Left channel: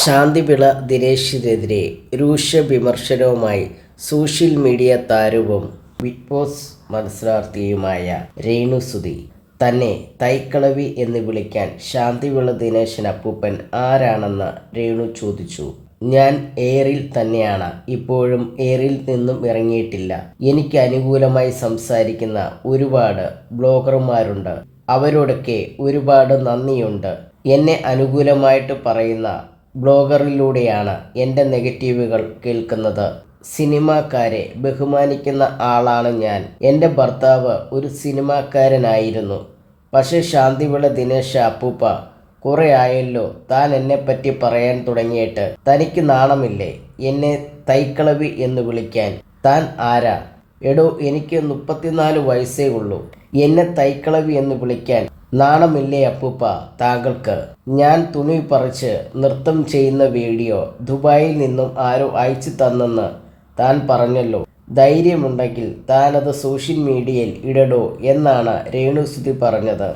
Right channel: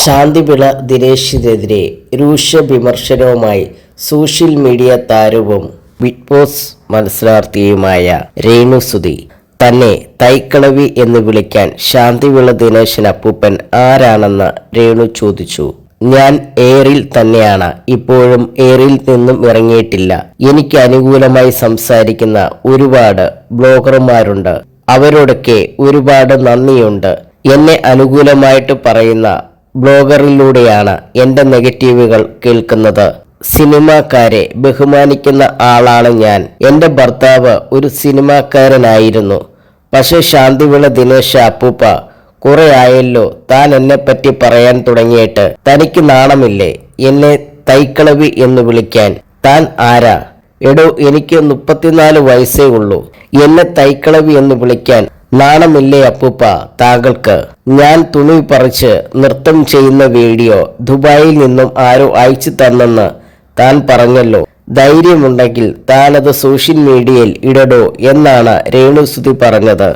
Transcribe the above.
ശാന്തിവിള ദിനേശിനെതിരെ രൂക്ഷ വിമർശനവുമായി social media താരവും ബിഗ് ബോസ് മത്സരാർത്ഥിയുമായ രേണുസുതി. തന്നെ തൈക്കളവി എന്ന് വിളിക്കാൻ ശാന്തിവിള ദിനേശൻ അപ്പൂപ്പൻ ആരാണെന്ന് രേണു ചോദിച്ചു. ഞാൻ എയറിൽ തന്നെയാണ്, ഇപ്പോഴും എയറിൽ നിന്നും ഇറങ്ങിയിട്ടില്ല. എനിക്ക് അനുകൂലമായി സംസാരിക്കുന്ന ഒരുപാട് ബ്ലോഗർമാരുണ്ട്, അവരോടൊക്കെ ഒരുപാട് നന്ദിയുണ്ട്. എന്നെ അനുകൂലമായിട്ട് പറയുന്ന ബ്ലോഗറിലൂടെയാണ് എൻ്റെ നെഗറ്റീവുകൾ കേൾക്കുന്നത്. സിനിമാക്കാരെ ബഹുമാനിക്കുന്ന ആളാണ് ഞാൻ. എൻ്റെ ഭർത്താവ് ഒരു സിനിമാക്കാരനായിരുന്നു. പക്ഷേ ശാന്തിവിള ദിനേശ അപ്പൂപ്പ, കുറെ ആയല്ലോ താൻ എന്നെപ്പറ്റി പറയാൻ തുടങ്ങിയിട്ട്. തനിക്ക് നാണമില്ലേ എന്നെ തൈക്കളവി എന്ന് വിളിക്കാൻ? താൻ ആരാ? എടോ, എനിക്ക് 34 വയസ്സേ ഉള്ളൂ. എന്നെ തൈക്കളവി എന്ന് വിളിക്കാൻ നാണമില്ലേ അപ്പൂപ്പ താങ്കൾക്ക്? ഞാൻ തുണി പറിച്ച് നൃത്തം ചെയ്യുന്ന വീഡിയോ ദുബായിൽ നിന്നും ആരോ അയച്ചു തന്നെന്ന് താൻ പറഞ്ഞല്ലോ. ധൈര്യമുണ്ടെങ്കിൽ താനത് സോഷ്യൽ മീഡിയയിൽ ഇടടോ എന്നാണ് രേണുസുതി പറഞ്ഞത്.